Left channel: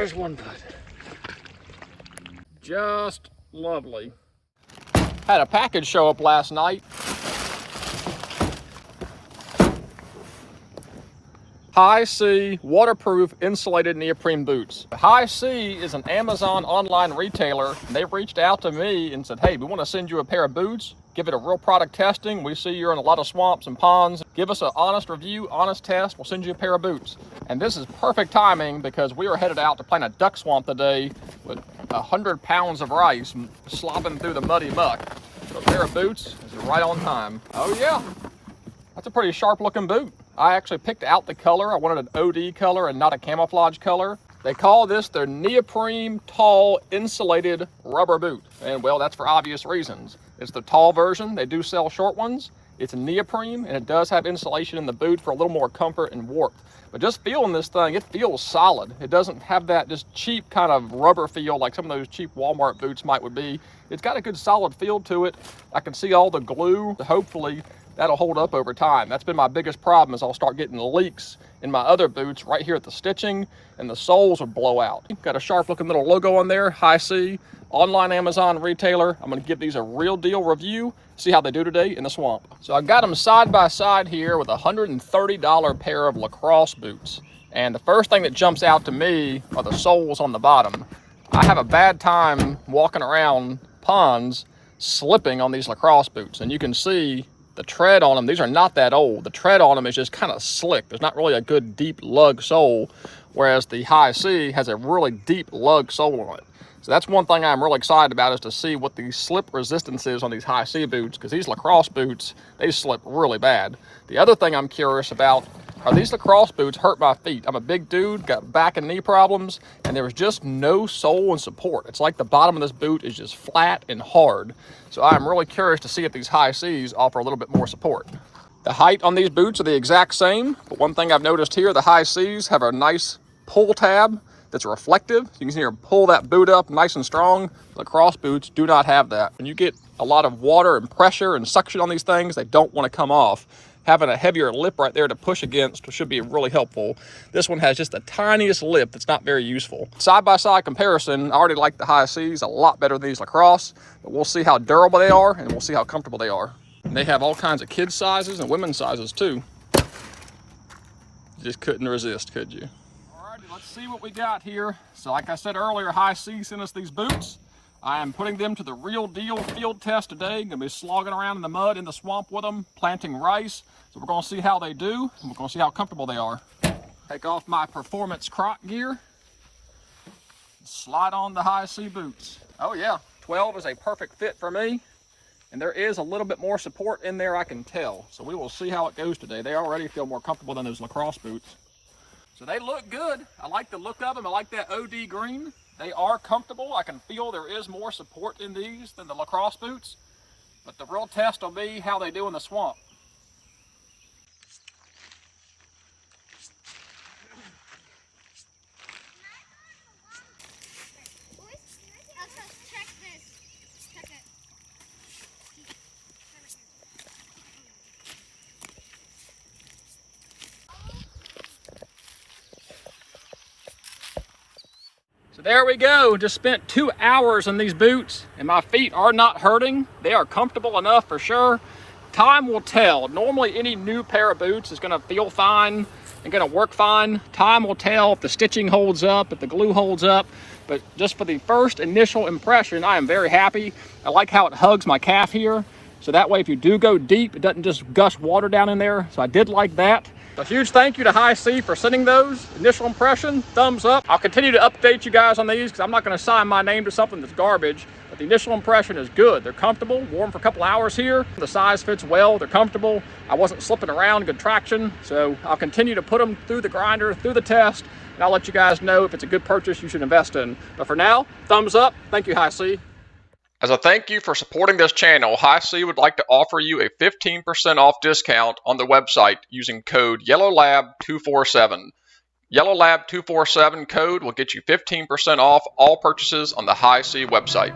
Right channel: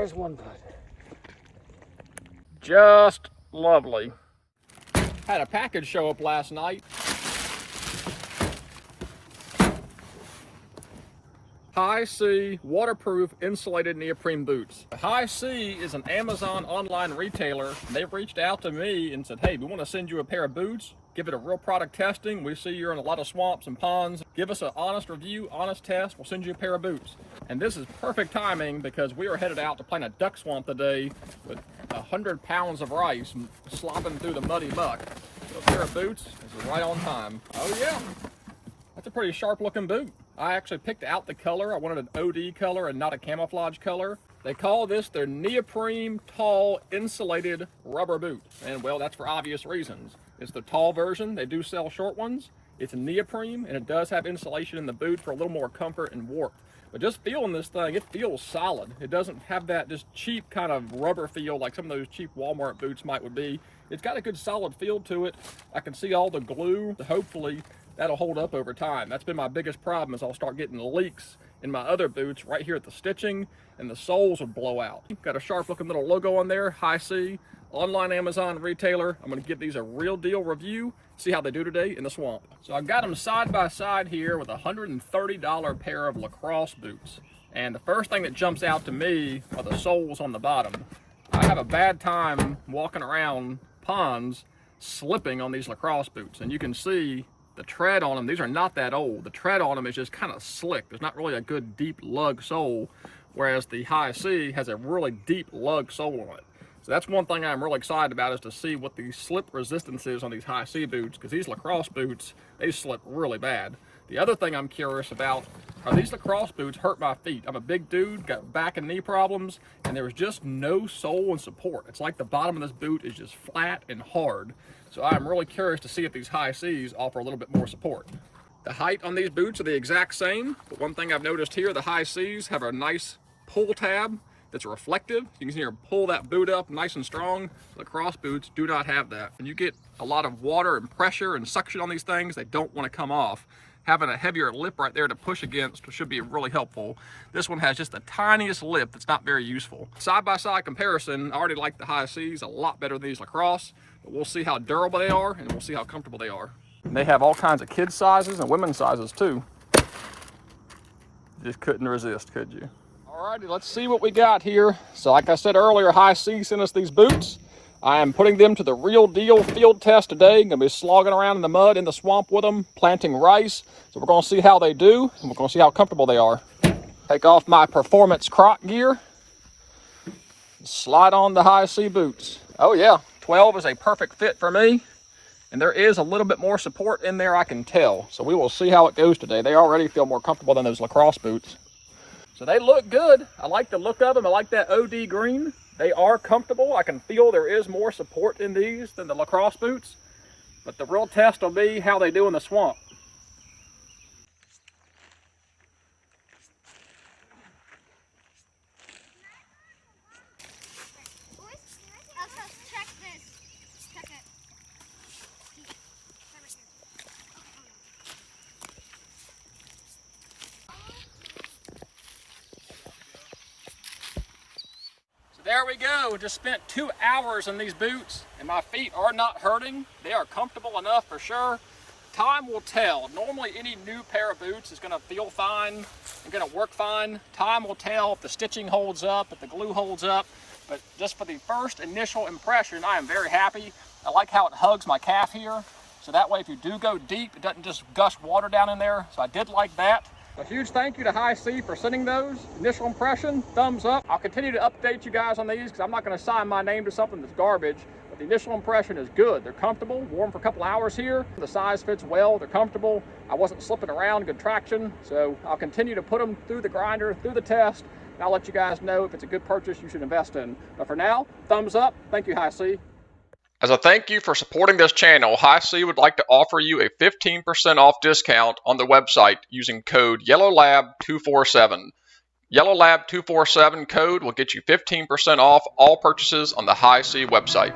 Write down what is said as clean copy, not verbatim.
There's one bud. Just lovely. Had a package show up last night. HISEA waterproof insulated neoprene boots. HISEA is an Amazon online retailer. They reached out to me and said, hey, we want to send you a pair of boots. Give it a real product testing. We see you're in a lot of swamps and ponds. Give us an honest review, honest test. We'll send you a pair of boots. And this is perfect timing because we are headed out to plant a duck swamp today with 100 pounds of rice slopping through the muddy muck. So a pair of boots is right on time. Oh yeah, that's a pretty sharp looking boot. I actually picked out the color. I wanted an OD color and not a camouflage color. They call this their neoprene tall insulated rubber boot. And well, that's for obvious reasons. It's the tall version. They do sell short ones. It's neoprene and it does have insulation in the boot for a little more comfort and warmth. But just feeling this thing, it feels solid. It doesn't have that just cheap kind of rubber feel like some of those cheap Walmart boots might would be. It's got a good solid feel to it. I can see all the glue. Hopefully that'll hold up over time. That's been my biggest problem is I'll start getting leaks in my other boots right here at the stitching and the soles will blow out. Got a sharp looking little logo on there, HISEA, online Amazon retailer. I'm gonna give these a real deal review, see how they do today in the swamp. So I've got them side by side here with a $130 pair of lacrosse boots. And the first thing that jumps out to me are the soles on the bottom. I have a bad time walking around ponds slipping on these lacrosse boots, and you can see the tread on them. These are not that old. The tread on them is just kind of slick. There's not really a good deep lug sole, whereas the HISEA has a really deep lug sole on it. So that's one thing I'm really excited about, is to see what the slip resistance is on these HISEA boots, because these lacrosse boots, they slip really bad. The other thing I'm curious about are these lacrosse boots hurt my feet. I'm a big dude, got back and knee problems, and there was just no sole and support. It's like the bottom of this boot is just flat and hard. So I'm really curious to see if these HISEAs offer a little bit more support. The height on these boots are the exact same, but one thing I've noticed here, the HISEAs have a nice pull tab that's reflective. You can see here, pull that boot up nice and strong. Lacrosse boots do not have that. When you get a lot of water and pressure and suction on these things, they don't want to come off. Having a heavier lip right there to push against should be really helpful. This one has just the tiniest lip that's not very useful. Side-by-side comparison, I already like the HISEAs a lot better than these lacrosse, but we'll see how durable they are and we'll see how comfortable they are. And they have all kinds of kids sizes and women's sizes too. You just couldn't resist, could you? Alrighty, let's see what we got here. So like I said earlier, HISEA sent us these boots. I am putting them to the real deal field test today. Gonna be slogging around in the mud in the swamp with them, planting rice. So we're gonna see how they do, and we're gonna see how comfortable they are. Take off my performance croc gear, slide on the HISEA boots. Oh yeah, 12 is a perfect fit for me. And there is a little bit more support in there, I can tell. So we will see how it goes today. They already feel more comfortable than those lacrosse boots. So they look good. I like the look of them. I like that OD green. They are comfortable. I can feel there is more support in these than the lacrosse boots. But the real test will be how they do in the swamp. So there we go, just spent 2 hours in these boots and my feet are not hurting. They are comfortable enough for sure. Time will tell. Normally any new pair of boots is gonna feel fine and gonna work fine. Time will tell if the stitching holds up, if the glue holds up. But just for the first initial impression, I am very happy. I like how it hugs my calf here. So that way if you do go deep, it doesn't just gush water down in there. So I did like that. A huge thank you to HISEA for sending those. Initial impression, thumbs up. I'll continue to update you guys on these because I'm not going to sign my name to something that's garbage. But the initial impression is good. They're comfortable, worn for a couple hours here. The size fits well, they're comfortable. I wasn't slipping around, good traction. So I'll continue to put them through the grinder, through the test, and I'll let you guys know if it's a good purchase you should invest in. But for now, thumbs up. Thank you, HISEA. As a thank you for supporting this channel, HISEA would like to offer you a 15% off discount on the website using code YELLOWLAB247. YELLOWLAB247 code will get you 15% off all purchases on the HISEA website.